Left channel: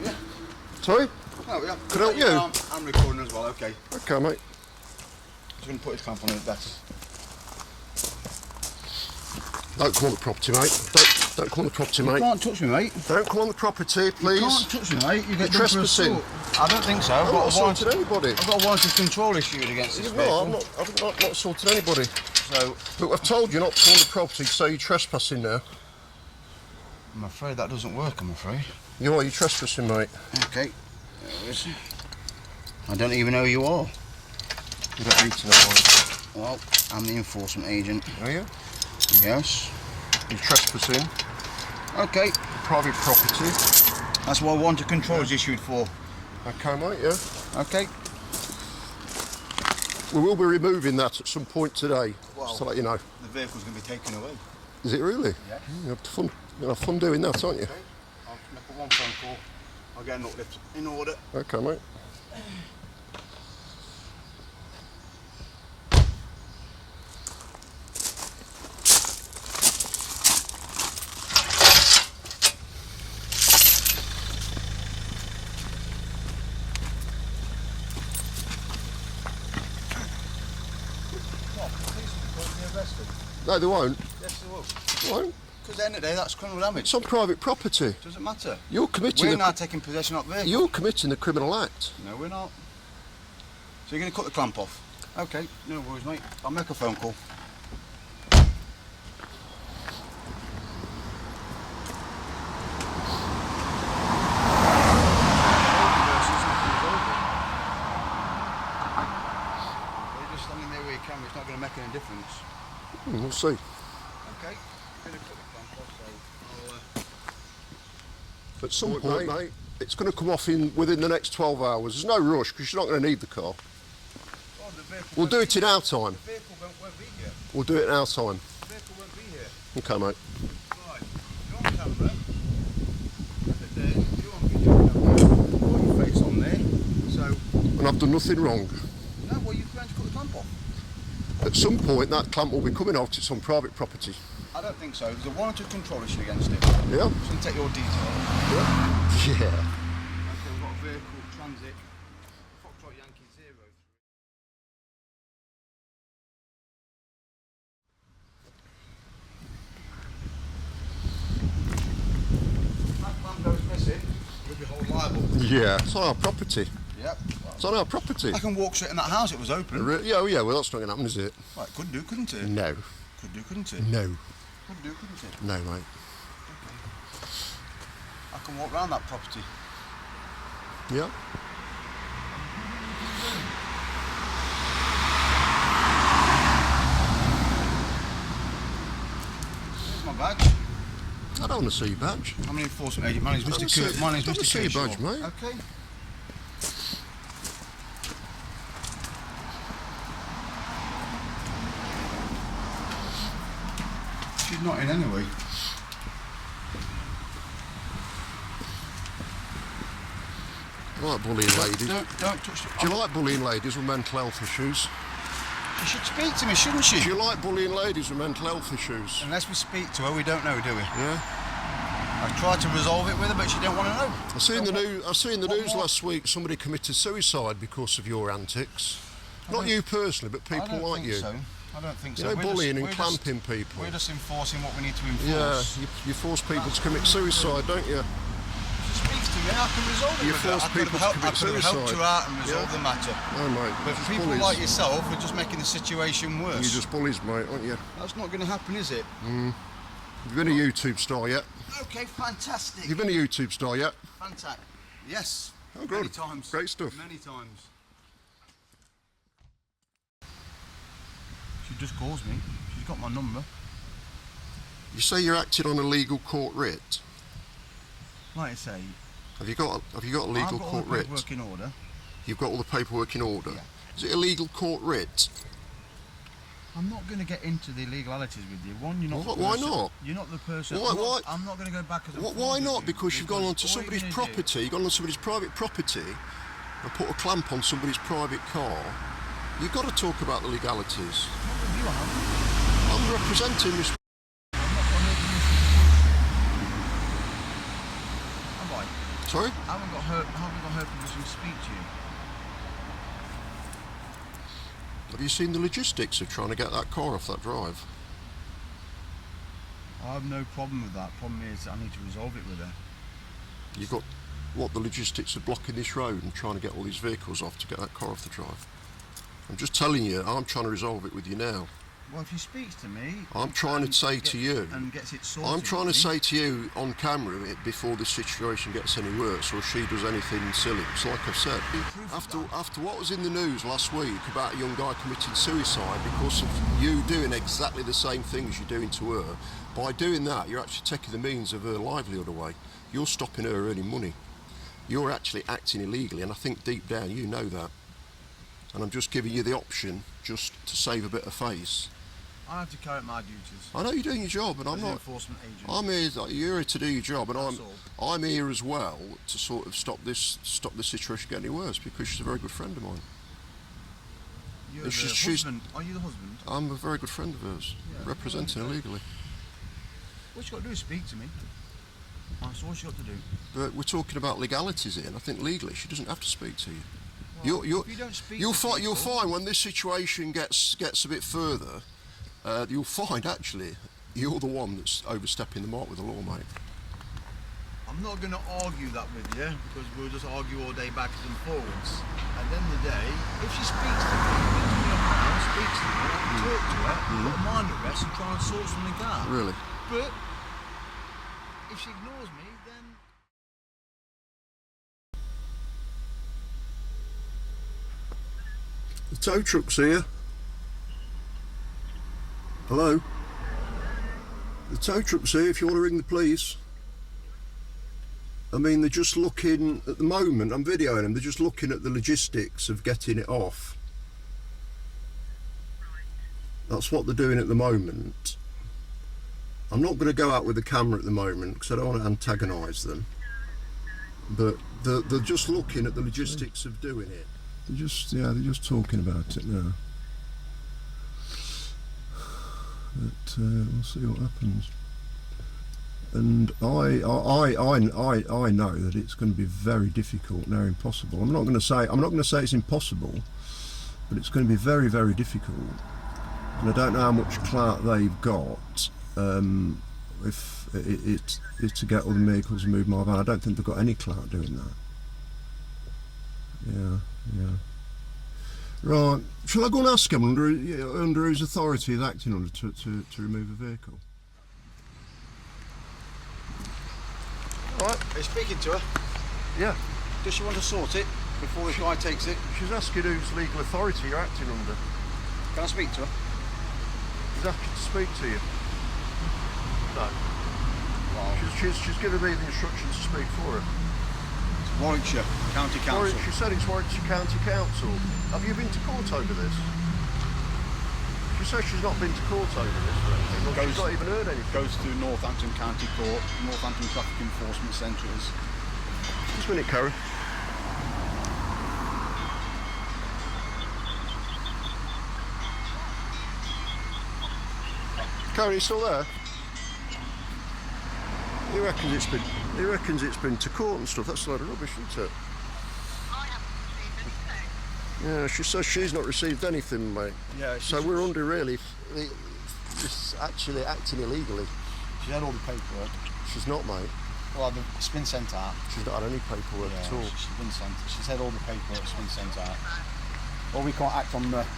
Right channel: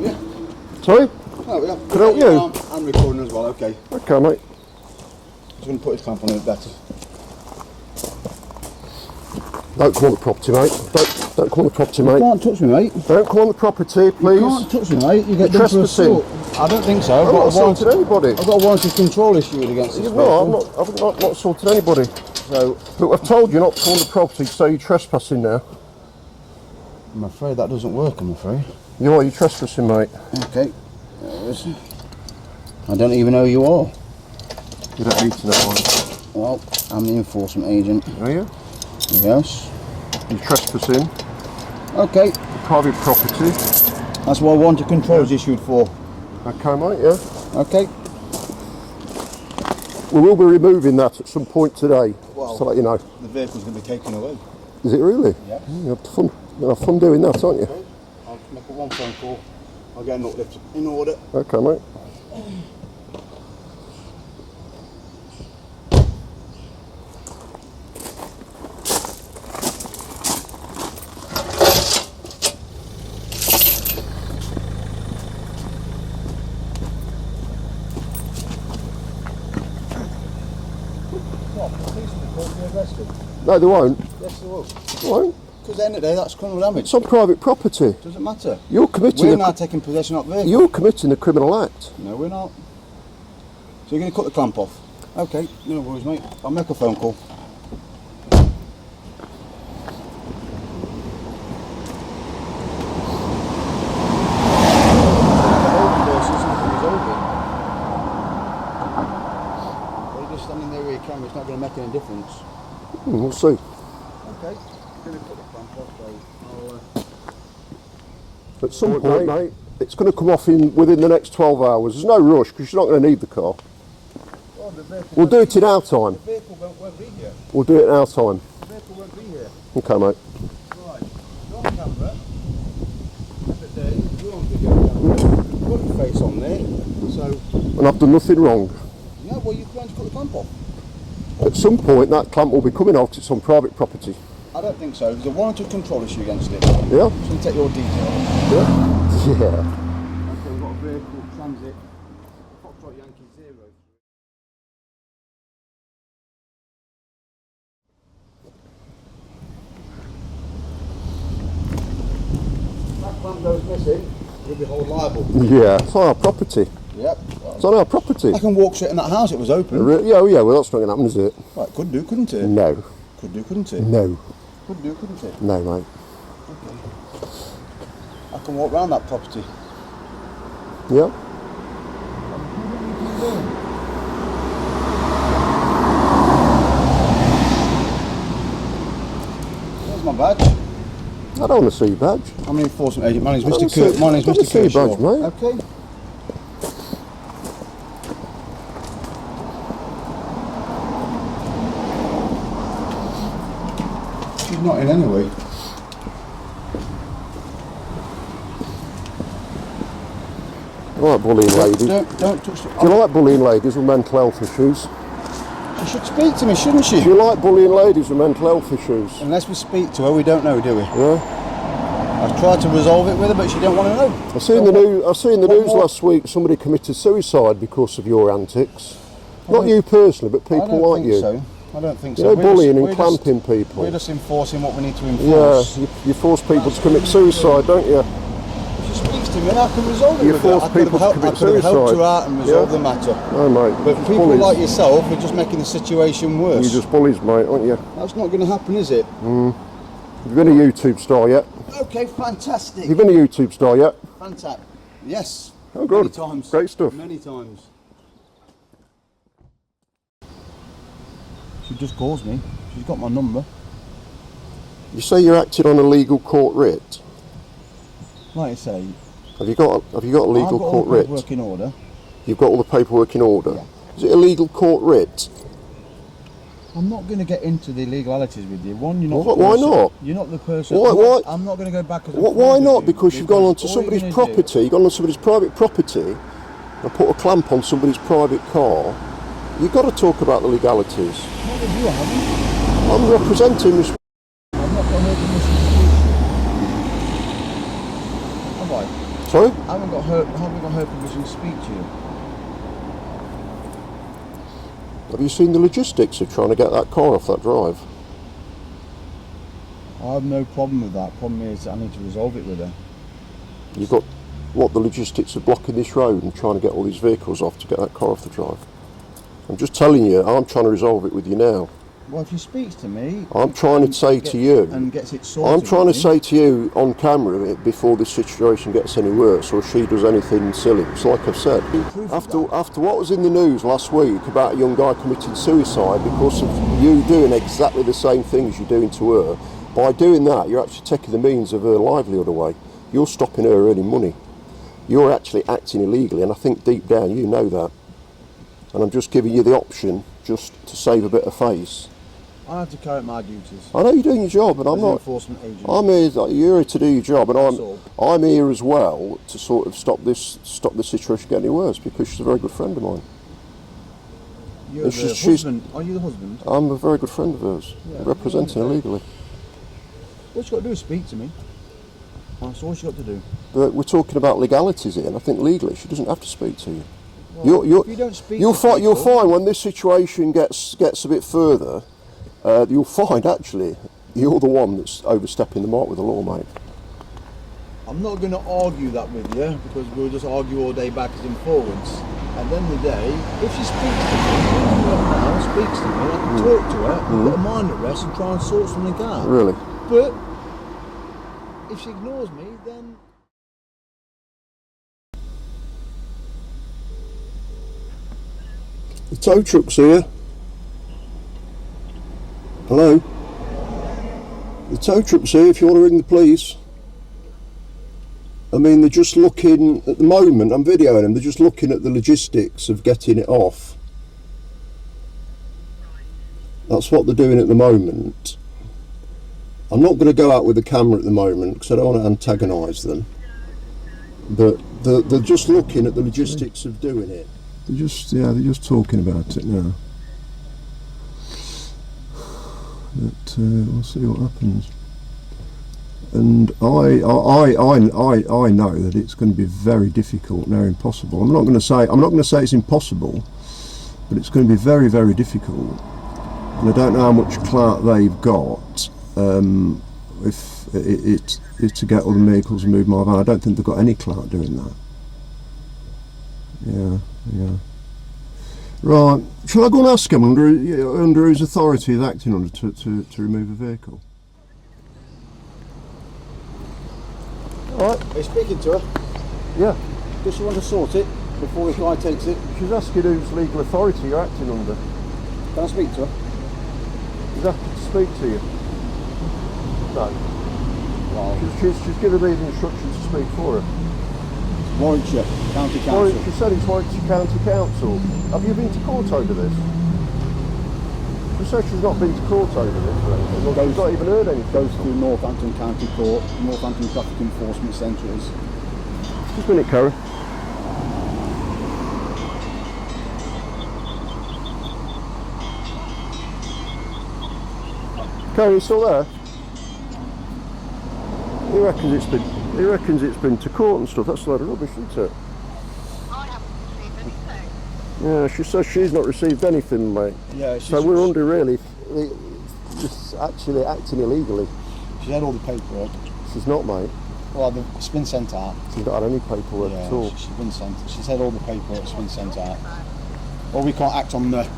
you? Sorry? Oh, yeah. Can I help you? I'm recording as well, okay. Okay, mate. Just going to put his clamp on it better. Don't come on the property, mate. Don't come on the property, mate. You can't touch me, mate. Don't come on the property, please. You can't touch me, mate. You get You're done for trespassing. assault. I don't think so. I've not assaulted anybody. I've got a warrant of control issued against this vehicle. No, I've not assaulted anybody. So, Look, I've told you not to come on the property, so you're trespassing now. I'm afraid that doesn't work, I'm afraid. You are, you're trespassing, mate. Okay. I don't even know who you are. You don't need to know one. Well, I'm the enforcement agent. Are you? Yes. You're trespassing. Okay. Private property. That's what I want to control is issued for. Okay, mate, yeah. Okay. We will be removing that at some point today, Well, just to let you know. the vehicle's going to be taken away. Is it really? Yeah. You're going to have fun doing that, aren't you? Okay. I'll just make a one phone call. I'll get an uplift in order. Okay, mate. No, they won't. Yes, they will. They won't. Because at the end of the day, that's criminal damage. It's on private property. Doesn't matter. You're committing. We're now taking possession of the vehicle. You're committing a criminal act. No, we're not. So you're going to cut the clamp off? Okay, no worries, mate. I'll make a phone call. You're just standing there with your camera. It's not going to make any difference. We'll see. Okay. I'm going to cut the clamp off, so At some point, mate, it's going to come off within the next 12 hours. There's no rush because you're not going to need the car. well, the vehicle We'll do it in our time. The vehicle won't be here. We'll do it in our time. The vehicle won't be here. Okay, mate. Right. You're on camera. Look at there. You're on video. Put your face on there. So, And I've done nothing wrong. no, well, you're going to cut the clamp off. At some point, that clamp will be coming off 'cause it's on private property. I don't think so. There's a warrant of control issue against it. Yeah? Just going to take your details. Yeah. Yeah. Okay, we've got a vehicle, transit, Foxtrot Yankee 0. That clamp goes missing, you'll be held liable. Yeah. It's on our property. Yep. It's on our property. I can walk straight in that house, it was open. Yeah, well, that's not going to happen, is it? Right, could do, couldn't it? No. Could do, couldn't it? No. Could do, couldn't it? No, mate. Okay. I can walk round that property. Yeah? Where's my badge? I don't want to see your badge. I'm an enforcement agent. My name's I don't Mr. Kurt. see- My name's I don't Mr. see your badge, Kershaw. mate. Okay. She's not in anyway. I like bullying ladies. Don't touch it. Do you like bullying ladies with mental health issues? She should speak to me, shouldn't she? Do you like bullying ladies with mental health issues? Unless we speak to her, we don't know, do we? Yeah. I've tried to resolve it with her, but she don't want to know. I seen the news more? last week. Somebody committed suicide because of your antics. Not you personally, but I people don't like think you. so. I don't think You so. know, We're bullying and we're clamping people. We're just enforcing what we need to Yeah, enforce. you force people to commit suicide, don't you? If she speaks to me, I can resolve it You with her. force I could people to have commit helped suicide. her out and resolve Yeah. the matter. No, mate. But Just people bullies. like yourself are just making the situation You're worse. just bullies, mate, aren't you? That's not going to happen, is it? You've been a YouTube star yet? Okay, fantastic. You've been a YouTube star yet? Fantastic. Yes. Oh, good. Many times. Great stuff. Many times. She just calls me. She's got my number. You say you're acting on a legal court writ. Like I say, Have you got a legal I've got court all the writ? paperwork in order. You've got all the paperwork in order. Yeah. Is it a legal court writ? I'm not going to get into the legalities with you. One, you're not. Why- the why person. not? You're not the person. Why- I'm not going to go back as a Why friend not? with you, Because you've gone onto all somebody's you're gonna do- property, you've gone on somebody's private property and put a clamp on somebody's private car. You've got to talk about the legalities. What have you, haven't I'm representing this. you? I'm not going to open this dispute. Have I? Sorry? I haven't got her permission to speak to you. Have you seen the logistics of trying to get that car off that drive? I have no problem with that. Problem is I need to resolve it with her. You've got, what, the logistics of blocking this road and trying to get all these vehicles off to get that car off the drive? I'm just telling you, I'm trying to resolve it with you now. Well, if she speaks to me... I'm trying to say to you... And gets it sorted... I'm trying to say to you on camera before this situation gets any worse or she does anything silly. It's like I've said. After what was in the news last week about a young guy committing suicide because of you doing exactly the same things you're doing to her, by doing that, you're actually taking the means of her livelihood away. You're stopping her earning money. You're actually acting illegally, and I think deep down you know that. And I'm just giving you the option just to save a bit of face. I have to carry out my duties. I know you're doing your job, and I'm not. Enforcement agent. I'm here. You're here to do your job, and I'm here as well to sort of stop this situation getting any worse because she's a very good friend of mine. You're the husband. Are you the husband? I'm a very good friend of hers, representing her legally. What you got to do is speak to me. That's all she got to do. But we're talking about legalities here, and I think legally she doesn't have to speak to you. Well, if you don't speak you'll find when this situation gets a bit further, you'll find actually you're the one that's overstepping the mark with the law, mate. I'm not going to argue that with you because we'll just argue all day backwards and forwards. At the end of the day, if she speaks to me, speaks to me, I can talk to her, put her mind at rest and try and sort something out. Really? But if she ignores me, then... The tow truck's here. Hello? The tow truck's here if you want to ring the police. I mean, they're just looking, at the moment, I'm videoing them, they're just looking at the logistics of getting it off. That's what they're doing at the moment. I'm not going to go out with the camera at the moment because I don't want to antagonise them. But they're just looking at the logistics of doing it. They're just talking about it now. But we'll see what happens. And I know that it's going to be very difficult, now impossible. I'm not going to say it's impossible, but it's going to be very, very difficult. And I don't know how much clout they've got if it's to get all the vehicles and move my van. I don't think they've got any clout doing that. Yeah. Right. Shall I go and ask him under whose authority he's acting under to remove a vehicle? Alright. Are you speaking to her? Yeah. Does she want to sort it before the guy takes it? She's asking whose legal authority you're acting under. Can I speak to her? She's asking to speak to you. No. Well, She's given me the instructions to speak for her. Warwickshire County Council. She said it's Warwickshire County Council. Have you been to court over this? She says she's not been to court over this or anything. Well, she's not even heard anything. Goes to Northampton County Court, Northampton Traffic Enforcement Centre is. Just a minute, Karen. Karen, you still there? He reckons it's been to court and stuff. That's a load of rubbish, isn't it? Yeah, she says she's not received anything, mate. Yeah. So we're under really, just actually acting illegally. She's had all the paperwork. She's not, mate. Well, it's been sent out. She's not had any paperwork at all. She's been sent. She's had all the paperwork. It's been sent out. Well, we can't act on nothing.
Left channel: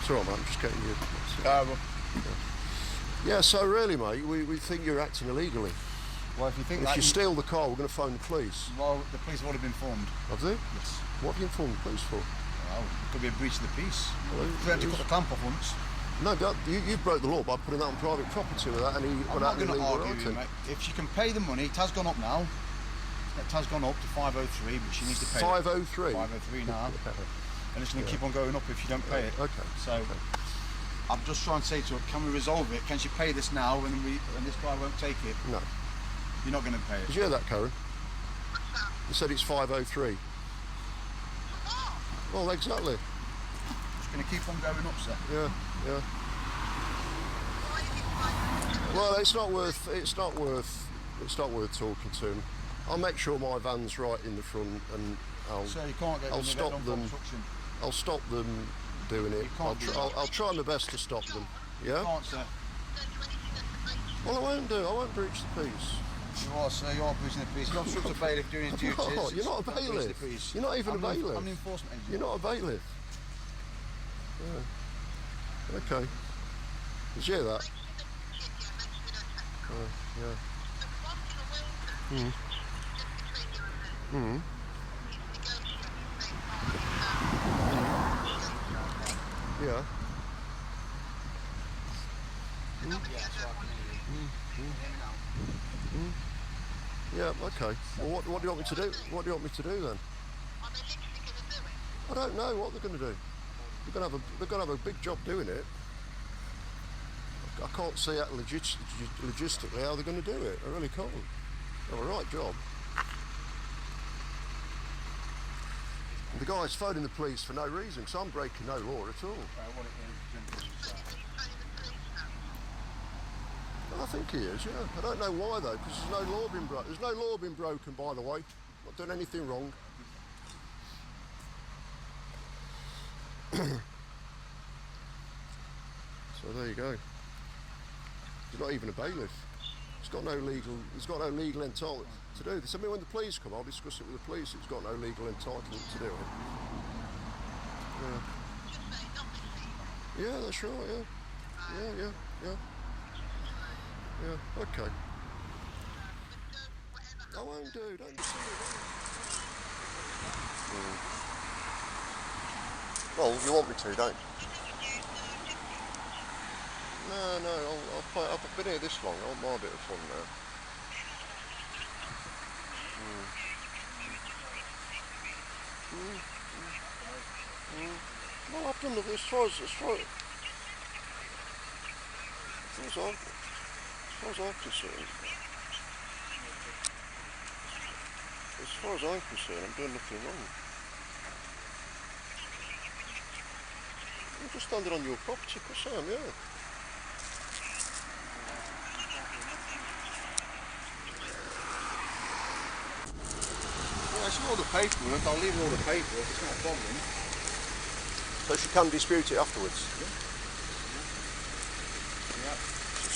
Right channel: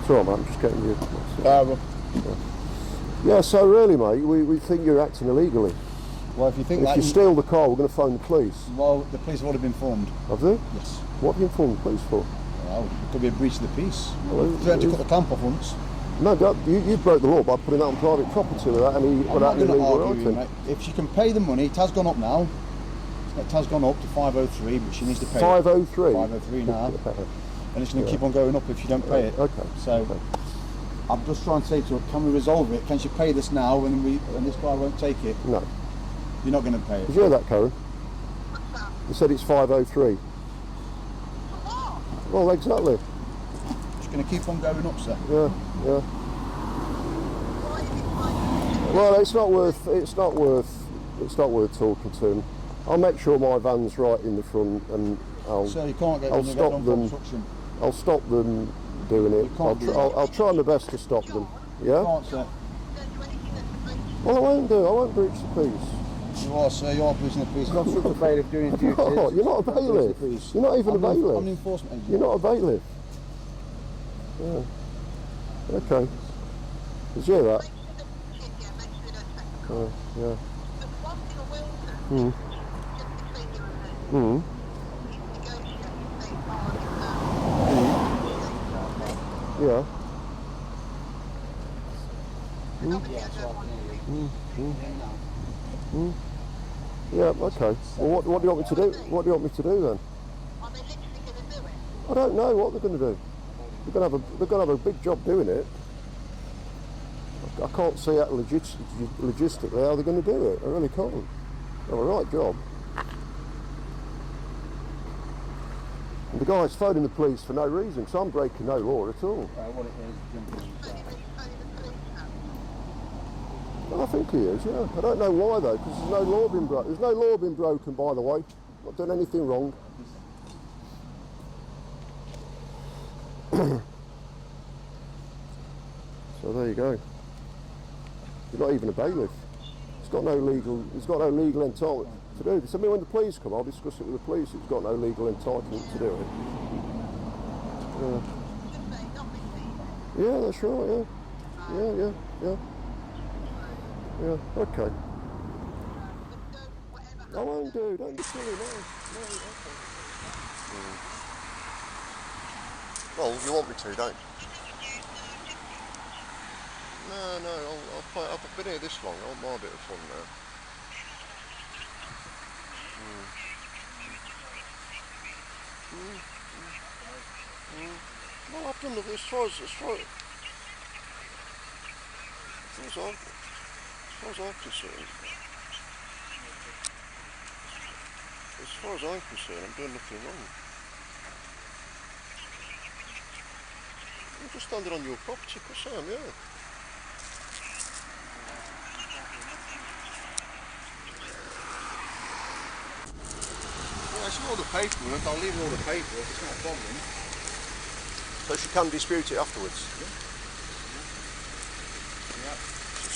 It's all right, mate. I'm just getting you. Yeah. Yeah, so really, mate, we think you're acting illegally. Well, if you think if that... you steal the car, we're going to phone the police. Well, the police have already been informed. Have they? Yes. What have you informed the police for? Well, it could be a breach of the peace. Well, they had to cut the clamp off once. No, you broke the law by putting that on private property without any I'm not going to argue writing. with you, mate. If she can pay the money, it has gone up now. It has gone up to 503, but she needs to pay 503? 503 now. Yeah. And it's going to keep on going up if you don't pay it. Okay. So, I'm just trying to say to her, can we resolve it? Can she pay this now and this guy won't take it? No. You're not going to pay it. Did you hear that, Karen? You said it's 503. Well, exactly. It's going to keep on going up, sir. Yeah. Well, it's not worth It's not worth talking to him. I'll make sure my van's right in the front, and So you can't get I'll when you get stop done them. construction. I'll stop them doing it. I'll try my best to stop them. Yeah. You can't, sir. Well, I won't do. I won't breach the peace. You are, sir. You are breaching the peace. You're not obstructing a bailiff doing his duties. No, you're not a bailiff. You're not even a bailiff. I'm an enforcement agent. You're not a bailiff. Yeah. Okay. Did you hear that? Oh, yeah. Mm. Mm. Yeah. Yeah, okay. Well, what do you want me to do? What do you want me to do then? I don't know what they're going to do. They're going to have a big job doing it. I can't see out logistically how they're going to do it. I really can't. They've a right job. And the guy's phoning the police for no reason, so I'm breaking no law at all. What it is. I think he is, yeah. I don't know why though, because there's no law being broken. There's no law being broken, by the way. Not done anything wrong. So there you go. He's not even a bailiff. He's got no legal entitlement to do this. I mean, when the police come, I'll discuss it with the police. It's got no legal entitlement to do it. Yeah. Yeah, that's right. Yeah. Yeah. Okay. I won't do. Don't be silly. No. Well, you want me to, don't you? No, I've been here this long. I want my bit of fun now. Well, I've done the as far as I'm concerned. As far as I'm concerned, I'm doing nothing wrong. I'm just standing on your property, of course I am, yeah. Well, it's all the paperwork. I'll leave all the paperwork. It's not a problem. So she can dispute it afterwards? Yeah.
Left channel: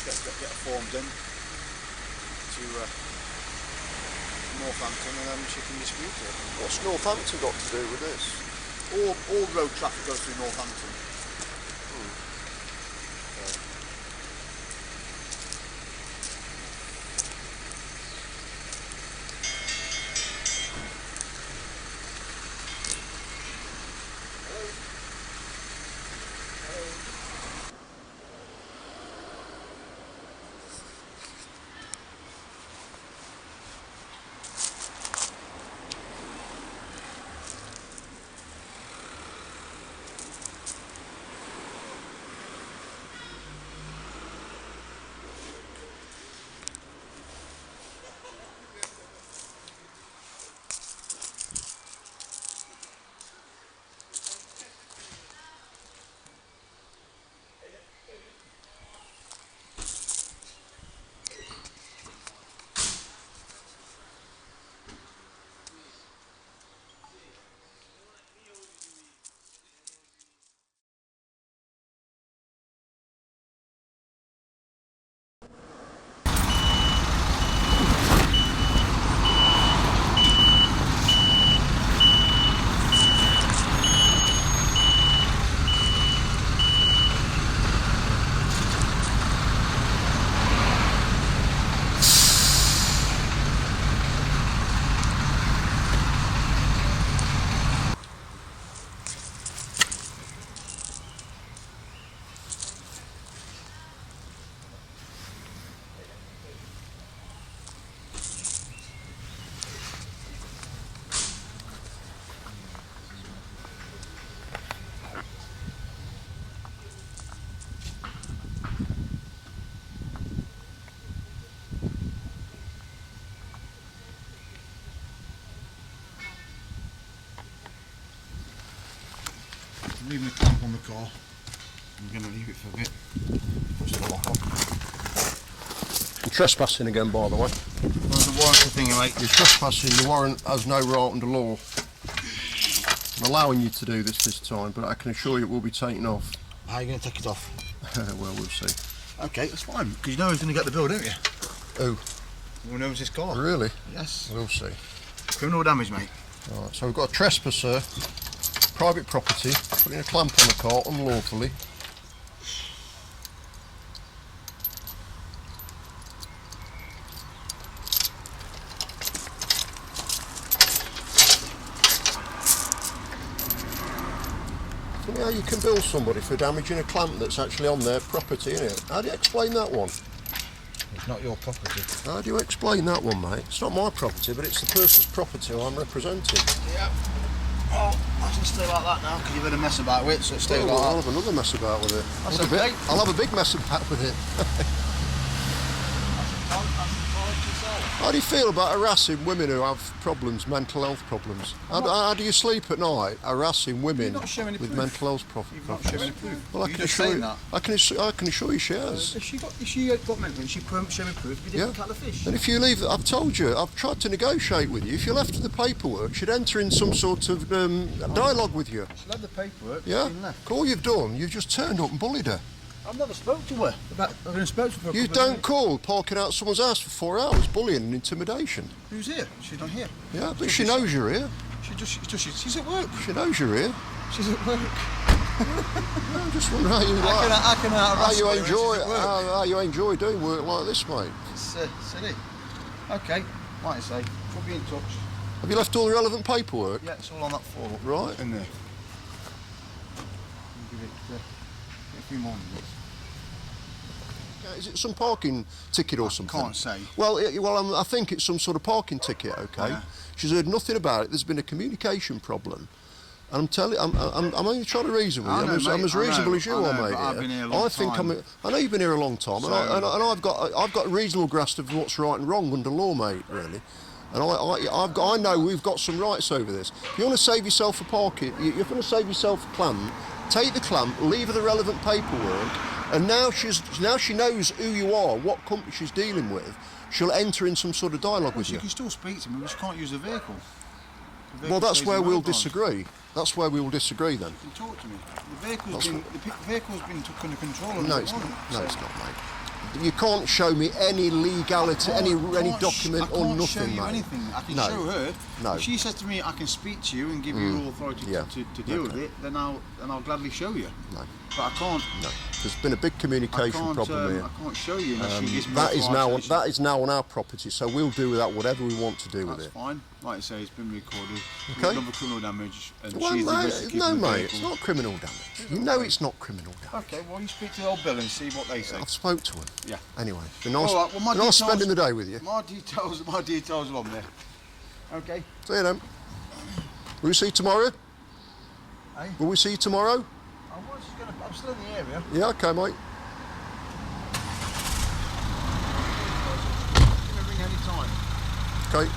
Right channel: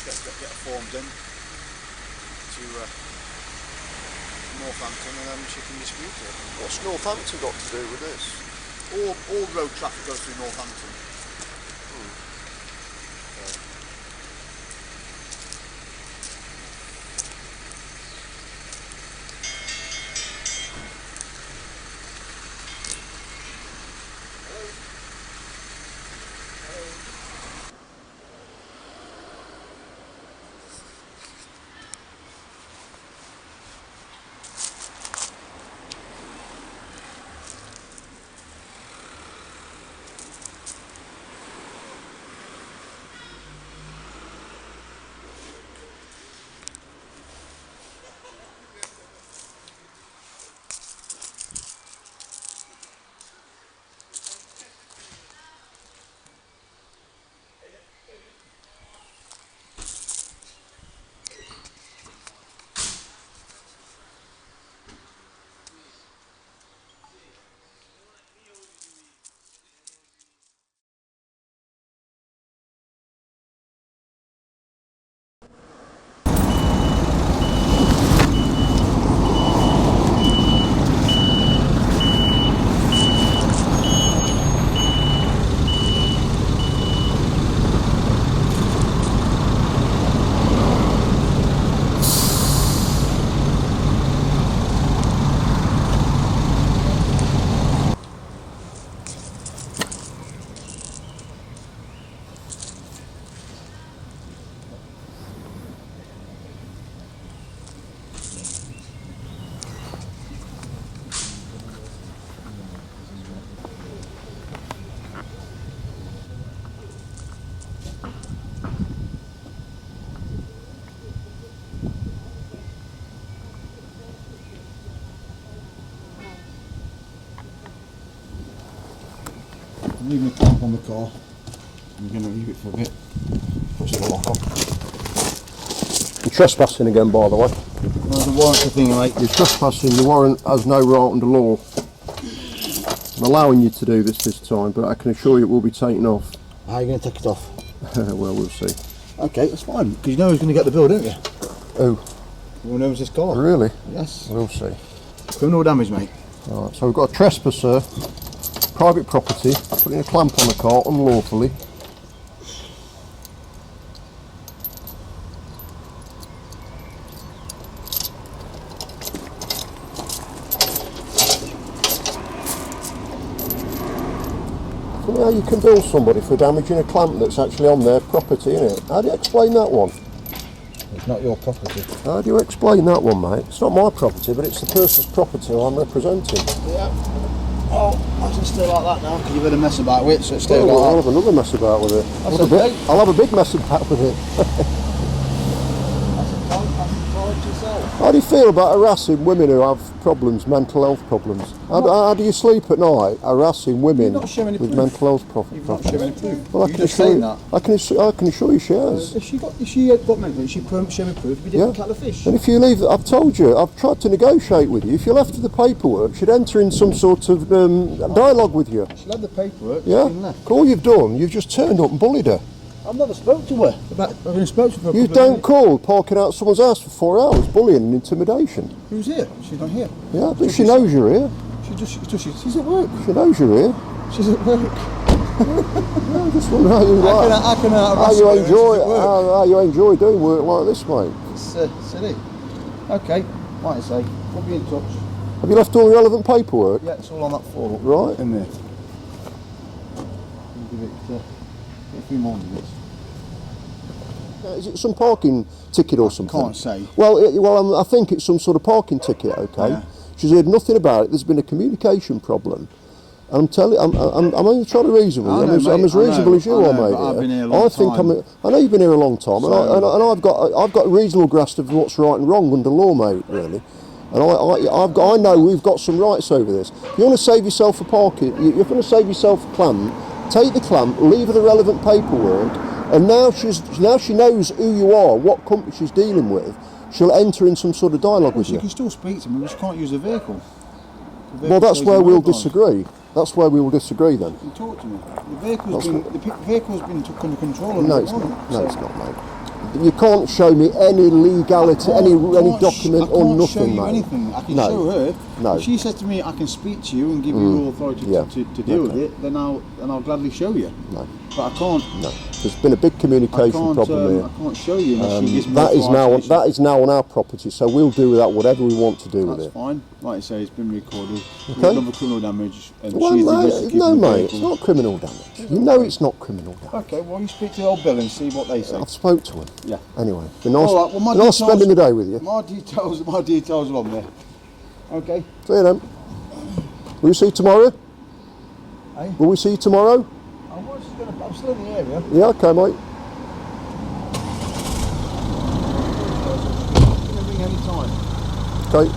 Just get forms in to Northampton and then she can dispute it. What's Northampton got to do with this? All road traffic goes through Northampton. Leave my clamp on the car. I'm going to leave it for a bit. Push the lock on. You're trespassing again, by the way. No, the warrant's the thing, mate. You're trespassing. The warrant has no right under law. I'm allowing you to do this time, but I can assure you it will be taken off. How are you going to take it off? Well, we'll see. Okay, that's fine, because you know who's going to get the bill, don't you? Oh. Who owns this car? Really? Yes. We'll see. Criminal damage, mate. Alright, so we've got a trespasser, private property, putting a clamp on a car unlawfully. Funny how you can bill somebody for damaging a clamp that's actually on their property, innit? How do you explain that one? It's not your property. How do you explain that one, mate? It's not my property, but it's the person's property I'm representing. Yeah. Oh, I can stay like that now, because you've had a mess about with it, so stay I'll like have another mess about with it. That's okay. I'll have a big mess about with it. That's yourself. How do you feel about harassing women who have problems, mental health problems? How do you sleep at night harassing women You've not shown any with proof. mental health problems? You've not shown any proof. Well, I You can just assure saying you, that. I can assure you she has. If she got mental, she show me proof, we didn't cut the fish. And if you leave, I've told you, I've tried to negotiate with you. If you left her the paperwork, she'd enter in some sort of dialogue with you. She'll have the paperwork, Yeah? she's been left. All you've done, you've just turned up and bullied her. I've never spoke to her. I've only spoke to her for a You couple of don't minutes. call parking out someone's house for 4 hours, bullying and intimidation. Who's here? She's not here. Yeah, but she knows you're here. She's at work. She knows you're here. She's at work. Yeah, I'm just wondering how you how you enjoy doing work like this, mate. It's silly. Okay, like I say, we'll be in touch. Have you left all the relevant paperwork? Yeah, it's all on that form. Right. In there. I'll give it a few more minutes. Is it some parking ticket or something? Can't say. Well, I think it's some sort of parking ticket. Okay. Yeah. She's heard nothing about it. There's been a communication problem. And I'm only trying to reason with you. I'm as reasonable as you are, mate. I've been here a long time. I know you've been here a long time, So, and I've got a reasonable grasp of what's right and wrong under law, mate. Really, and I know we've got some rights over this. If you want to save yourself a parking, you're going to save yourself a clamp. Take the clamp, leave her the relevant paperwork, and now she knows who you are, what company she's dealing with. She'll enter in some sort of dialogue with She you. can still speak to me, but she can't use the vehicle. The Well, vehicle that's stays where in we'll her branch. disagree. That's where we will disagree then. You can talk to me. The vehicle's been took under control. No, it's not. No, it's not, mate. You can't show me any legality, any document or nothing, I can't show you mate. anything. I can No. show her. No. If she said to me, I can speak to you and give you authority Yeah. to deal with it, then I'll gladly show you. No. But I can't. No, there's been a big communication problem here. I can't show you unless she gives me That is authority. now on our property, so we'll do with that whatever we want to do with That's it. fine. Like I say, it's been recorded. Okay. We've done the criminal damage, and Well, she's the no, risk of keeping no, the mate, it's vehicle. not criminal damage. You know it's not criminal damage. Okay, well, you speak to the old Bill and see what they say. I've spoke to him. Yeah. Anyway, been nice, All right, well, my been nice details- spending the day with you. My details are on there. Okay. See you then. Will we see you tomorrow? Hey? Will we see you tomorrow? I'm still in the area. Yeah, okay, mate. Give me a ring any time. Okay.